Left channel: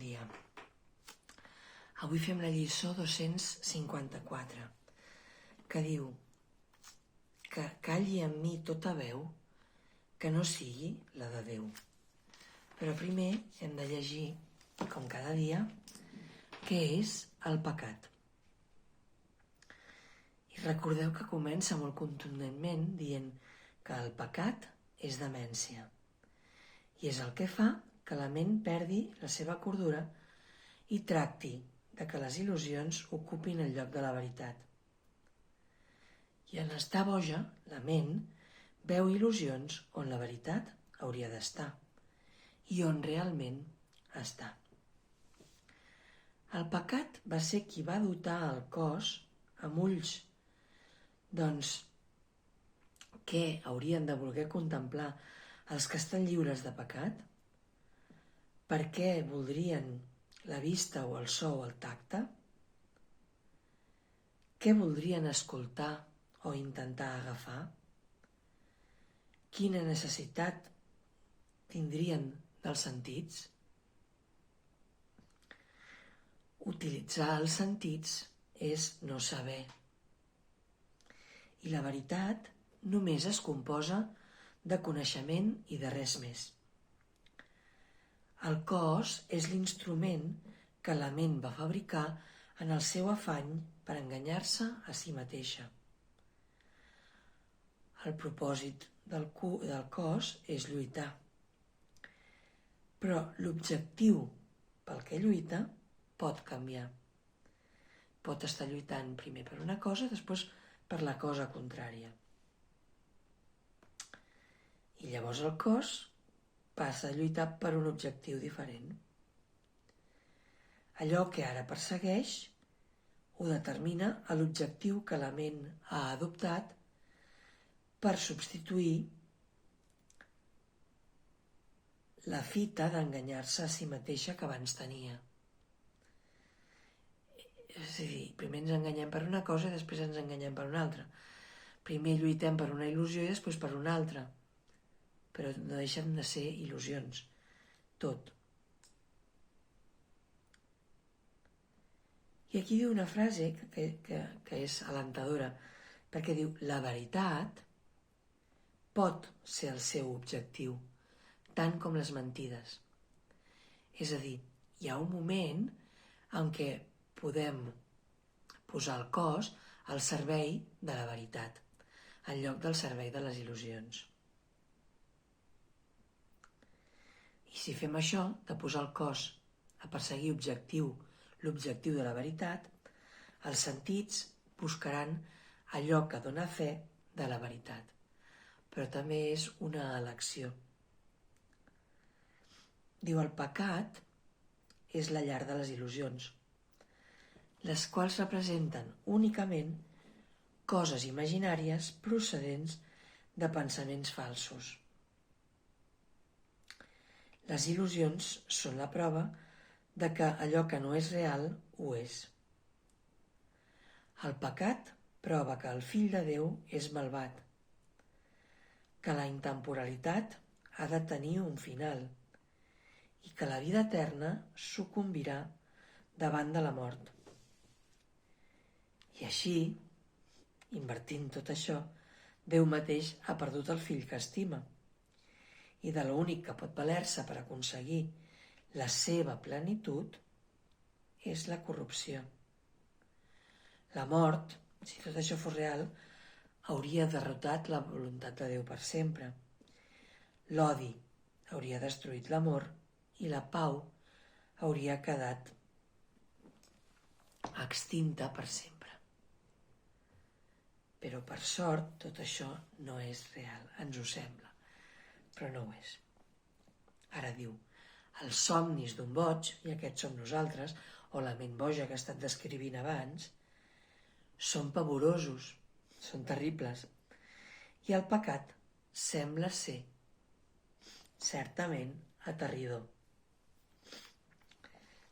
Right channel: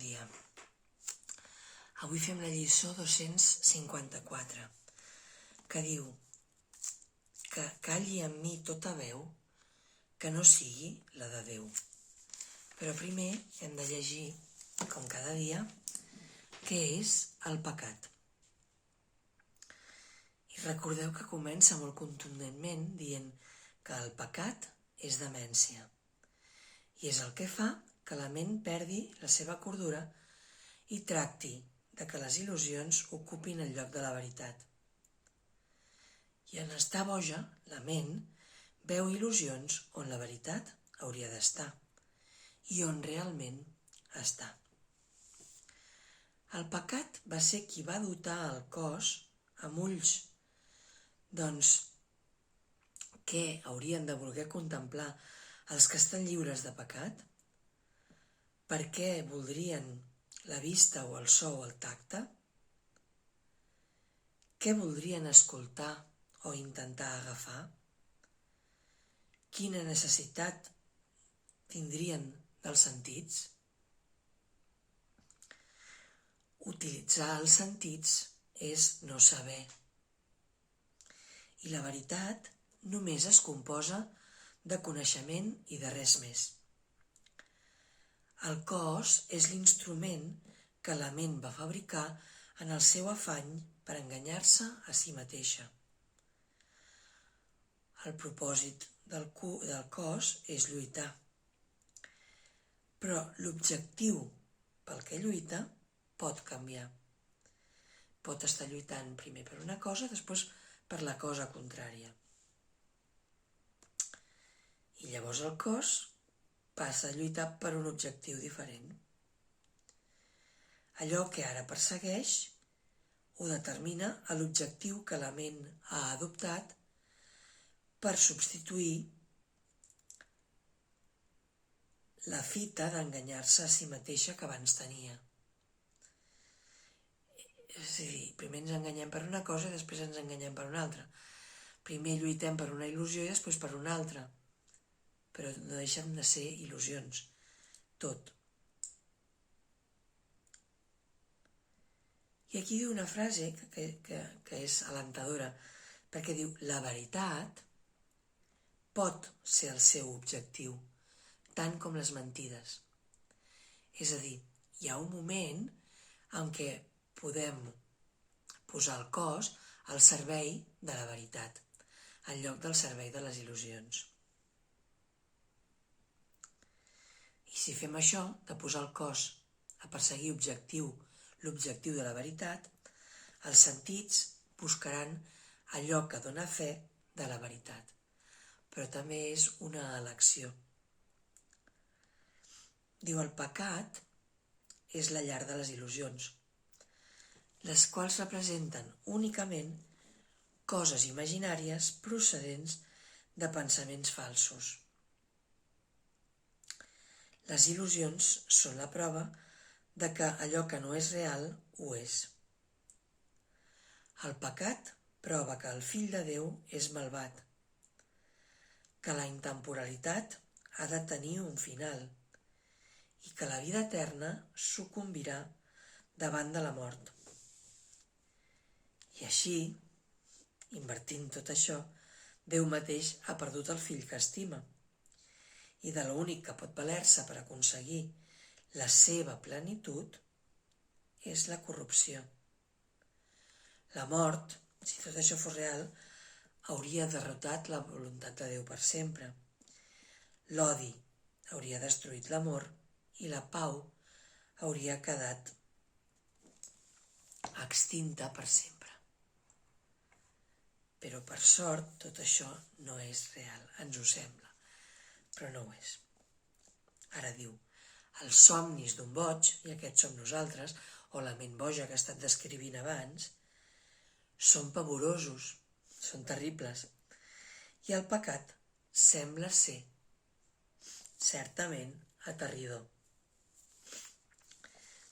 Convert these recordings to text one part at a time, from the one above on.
dia. Avui fem la lliçó 254, que diu que calli en mi tota veu que no sigui la de Déu. Però primer hem de llegir, com cada dia, què és el pecat. I recordeu que comença molt contundentment dient que el pecat és demència i és el que fa que la ment perdi la seva cordura i tracti de que les il·lusions ocupin el lloc de la veritat. I en estar boja, la ment veu il·lusions on la veritat hauria d'estar i on realment està. El pecat va ser qui va dotar el cos amb ulls, doncs què haurien de voler contemplar els que estan lliures de pecat? Per què voldrien la vista o el so o el tacte? Què voldrien escoltar o intentar agafar? Quina necessitat tindrien dels sentits? Utilitzar els sentits és no saber. I la veritat només es composa de coneixement i de res més. El cos és l'instrument que la ment va fabricar en el seu afany per enganyar-se a si mateixa. El propòsit del cos és lluitar, però l'objectiu pel que lluita pot canviar. Pot estar lluitant primer per una cosa, després per la cosa contrària. I llavors el cos passa a lluitar per un objectiu diferent. Allò que ara persegueix ho determina a l'objectiu que la ment ha adoptat per substituir la fita d'enganyar-se a si mateixa que abans tenia. És a dir, primer ens enganyem per una cosa i després ens enganyem per una altra. Primer lluitem per una il·lusió i després per una altra. Però no deixen de ser il·lusions, tot. I aquí diu una frase que és alentadora, perquè diu, la veritat pot ser el seu objectiu, tant com les mentides. És a dir, hi ha un moment en què podem posar el cos al servei de la veritat, en lloc del servei de les il·lusions. I si fem això, de posar el cos a perseguir l'objectiu de la veritat, els sentits buscaran allò que dona fe de la veritat, però també és una elecció. Diu, el pecat és la llar de les il·lusions, les quals representen únicament coses imaginàries procedents de pensaments falsos. Les il·lusions són la prova de que allò que no és real ho és. El pecat prova que el fill de Déu és malvat, que la intemporalitat ha de tenir un final i que la vida eterna sucumbirà davant de la mort. I així, invertint tot això, Déu mateix ha perdut el fill que estima i de l'únic que pot valer-se per aconseguir la seva plenitud és la corrupció. La mort, si tot això fos real, hauria derrotat la voluntat de Déu per sempre. L'odi hauria destruït l'amor i la pau hauria quedat extinta per sempre. Però per sort tot això no és real, ens ho sembla, però no ho és. Ara diu, els somnis d'un boig, i aquests som nosaltres, o la ment boja que he estat descrivint abans, són pavorosos, són terribles, i el pecat sembla ser certament aterridor.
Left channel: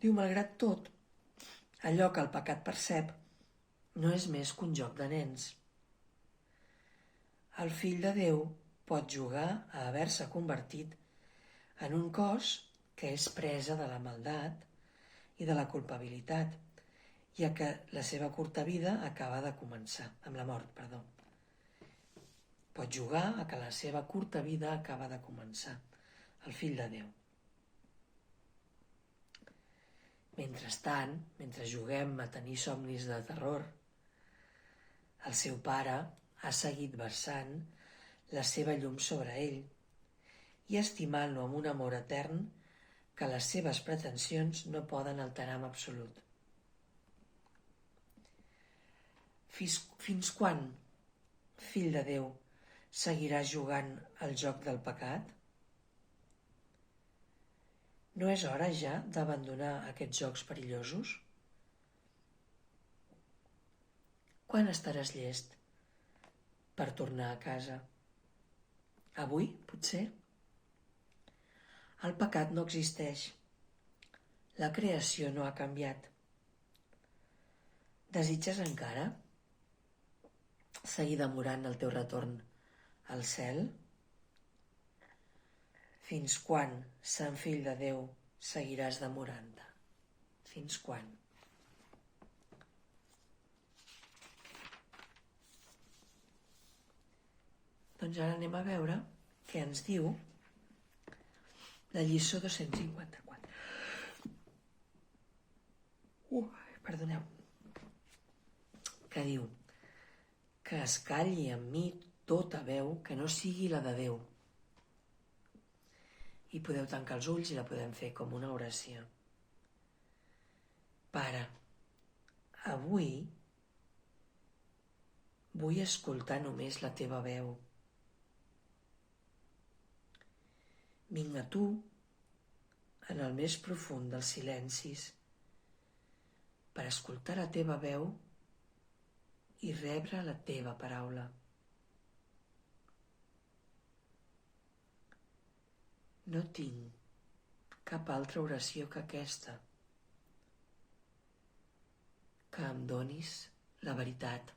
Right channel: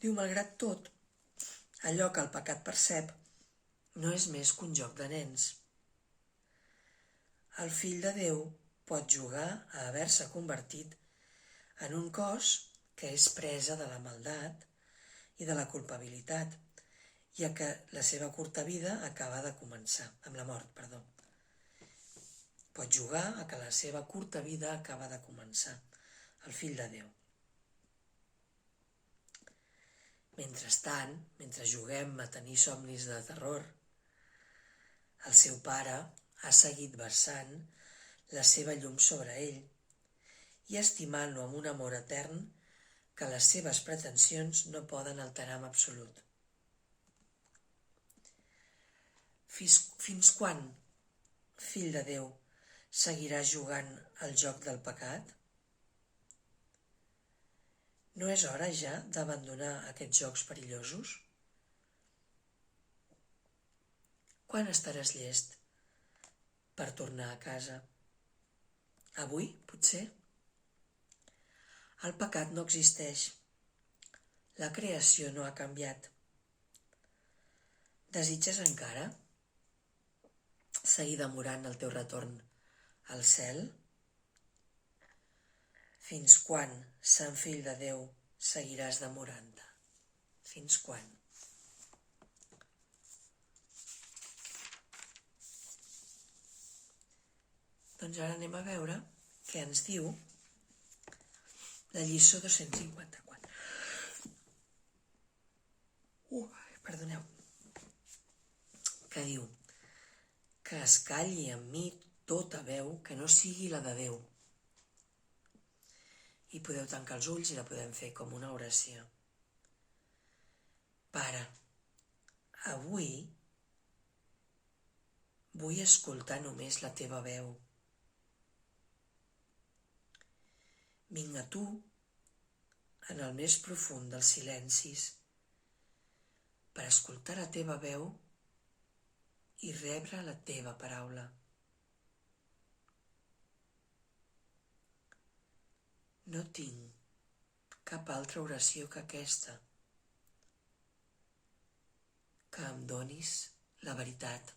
Diu, malgrat tot, allò que el pecat percep no és més que un joc de nens. El fill de Déu pot jugar a haver-se convertit en un cos que és presa de la maldat i de la culpabilitat, ja que la seva curta vida acaba de començar, amb la mort, perdó. Pot jugar a que la seva curta vida acaba de començar, el fill de Déu. Mentrestant, mentre juguem a tenir somnis de terror, el seu pare ha seguit versant la seva llum sobre ell i estimant-lo amb un amor etern que les seves pretensions no poden alterar en absolut. Fins quan, fill de Déu, seguiràs jugant al joc del pecat? No és hora ja d'abandonar aquests jocs perillosos? Quan estaràs llest per tornar a casa? Avui, potser? El pecat no existeix. La creació no ha canviat. Desitges encara seguir demorant el teu retorn al cel? Fins quan, sant fill de Déu, seguiràs demorant-te? Fins quan? Doncs ara anem a veure què ens diu la lliçó 254. Perdoneu. Que diu que es calli en mi tota veu que no sigui la de Déu. I podeu tancar els ulls i la podem fer com una oració. Pare, avui vull escoltar només la teva veu. Vinc a tu, en el més profund dels silencis, per escoltar la teva veu i rebre la teva paraula. No tinc cap altra oració que aquesta, que em donis la veritat.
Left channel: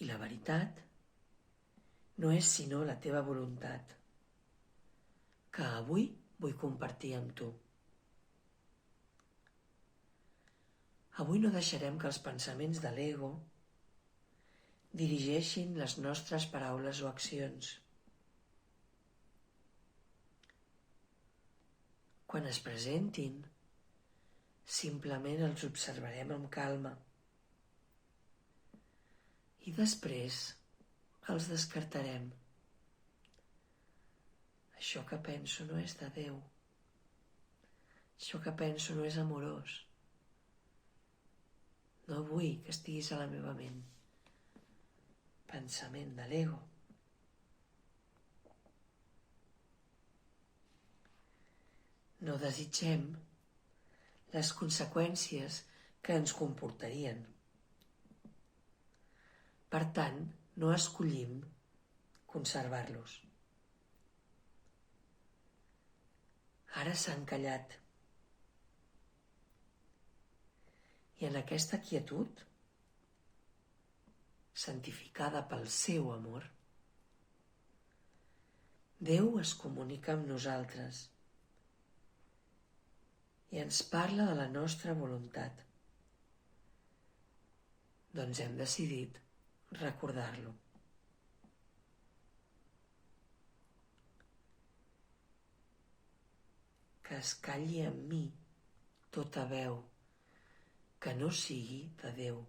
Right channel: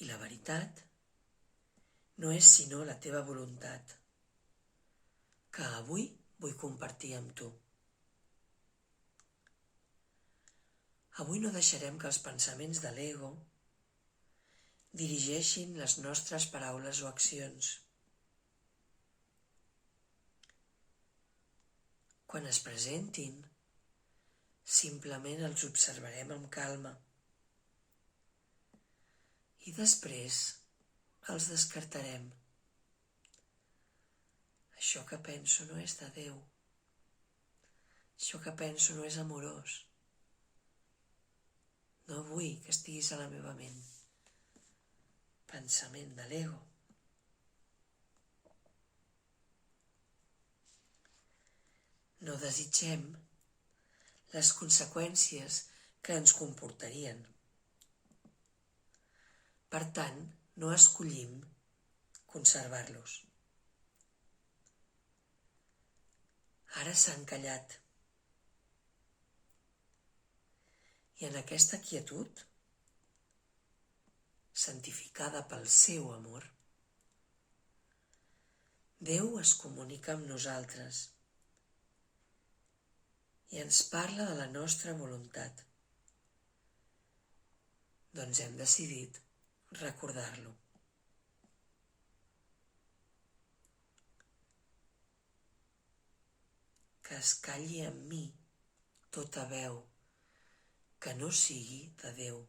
I la veritat no és sinó la teva voluntat, que avui vull compartir amb tu. Avui no deixarem que els pensaments de l'ego dirigeixin les nostres paraules o accions. Quan es presentin, simplement els observarem amb calma i després els descartarem. Això que penso no és de Déu. Això que penso no és amorós. No vull que estiguis a la meva ment. Pensament de l'ego. No desitgem les conseqüències que ens comportarien. Per tant, no escollim conservar-los. Ara s'han callat. I en aquesta quietud, santificada pel seu amor, Déu es comunica amb nosaltres i ens parla de la nostra voluntat. Doncs hem decidit recordar-lo. Que es calli en mi tota veu que no sigui de Déu.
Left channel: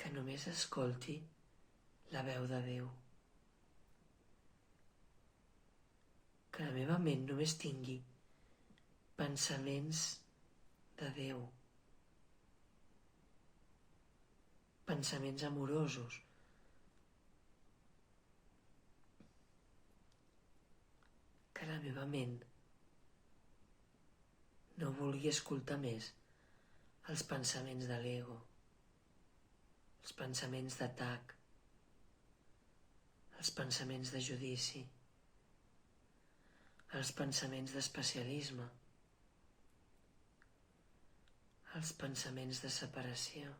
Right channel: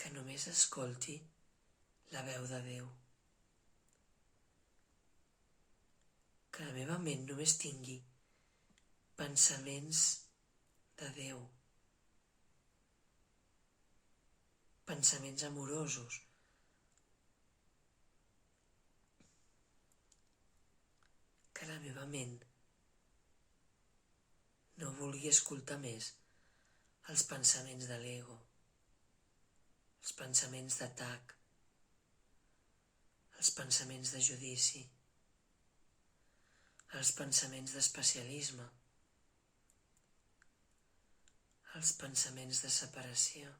Que només escolti la veu de Déu. Que la meva ment només tingui pensaments de Déu. Pensaments amorosos. Que la meva ment no vulgui escoltar més els pensaments de l'ego, els pensaments d'atac, els pensaments de judici, els pensaments d'especialisme, els pensaments de separació.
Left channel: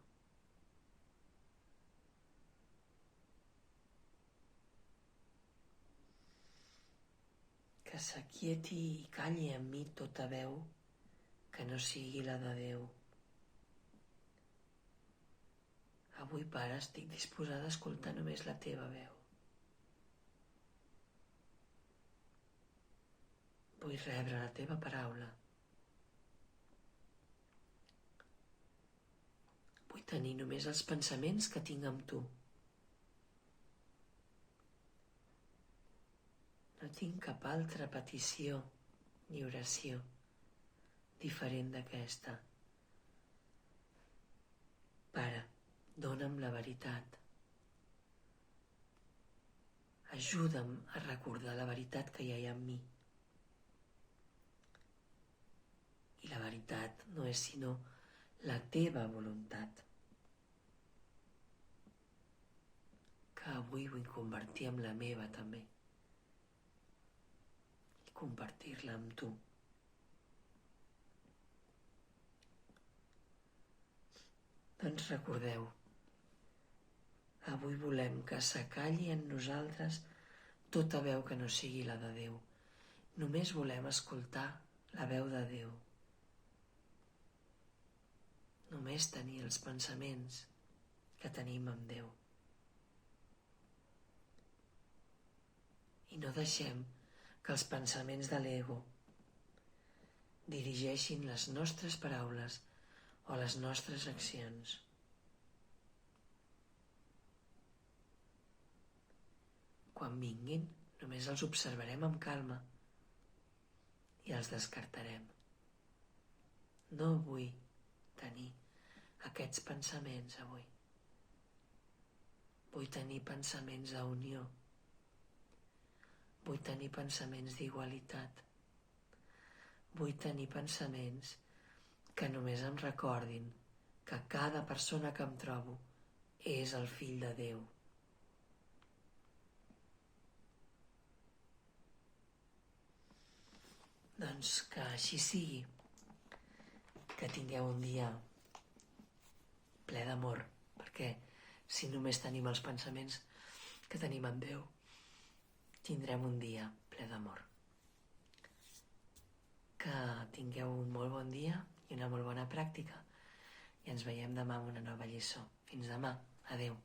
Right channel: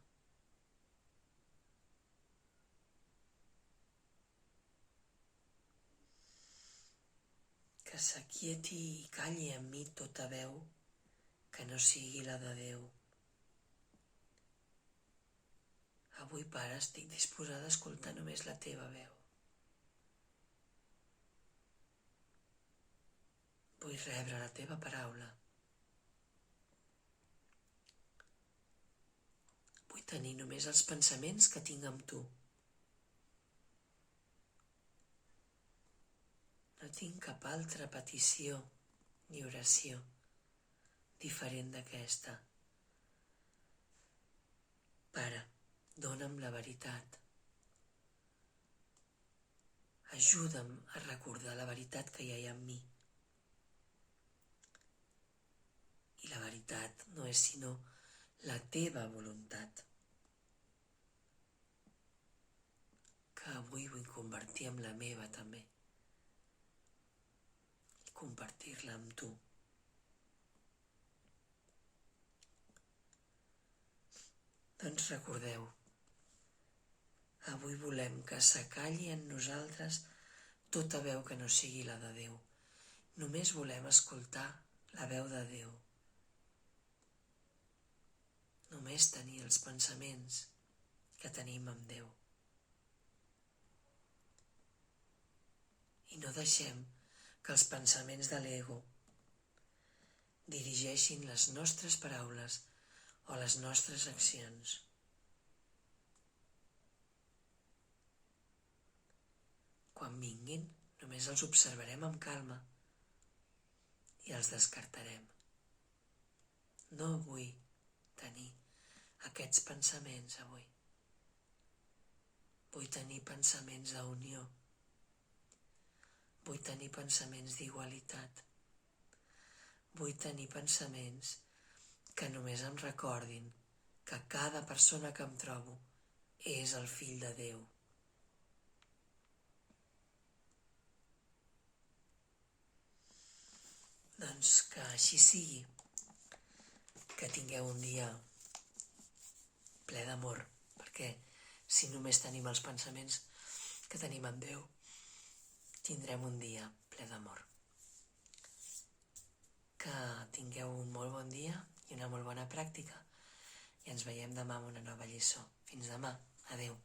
que s'aquieti i calli en mi tota veu que no sigui la de Déu. Avui, Pare, estic disposada a escoltar només la teva veu. Vull rebre la teva paraula. Vull tenir només els pensaments que tinc amb tu. No tinc cap altra petició ni oració diferent d'aquesta. Pare, dona'm la veritat. Ajuda'm a recordar la veritat que hi ha en mi. I la veritat no és sinó la teva voluntat, que avui vull convertir en la meva també i compartir-la amb tu. Doncs recordeu, avui volem que s'acalli en nosaltres tota veu que no sigui la de Déu. Només volem escoltar la veu de Déu. Només tenir els pensaments que tenim amb Déu. I no deixem que els pensaments de l'ego dirigeixin les nostres paraules o les nostres accions. Quan vinguin, només els observarem amb calma i els descartarem. No vull tenir aquests pensaments avui. Vull tenir pensaments d'unió. Vull tenir pensaments d'igualitat. Vull tenir pensaments que només em recordin que cada persona que em trobo és el fill de Déu. Doncs que així sigui, que tingueu un dia ple d'amor, perquè si només tenim els pensaments que tenim en Déu, tindrem un dia ple d'amor. Que tingueu un molt bon dia i una molt bona pràctica i ens veiem demà amb una nova lliçó. Fins demà. Adeu.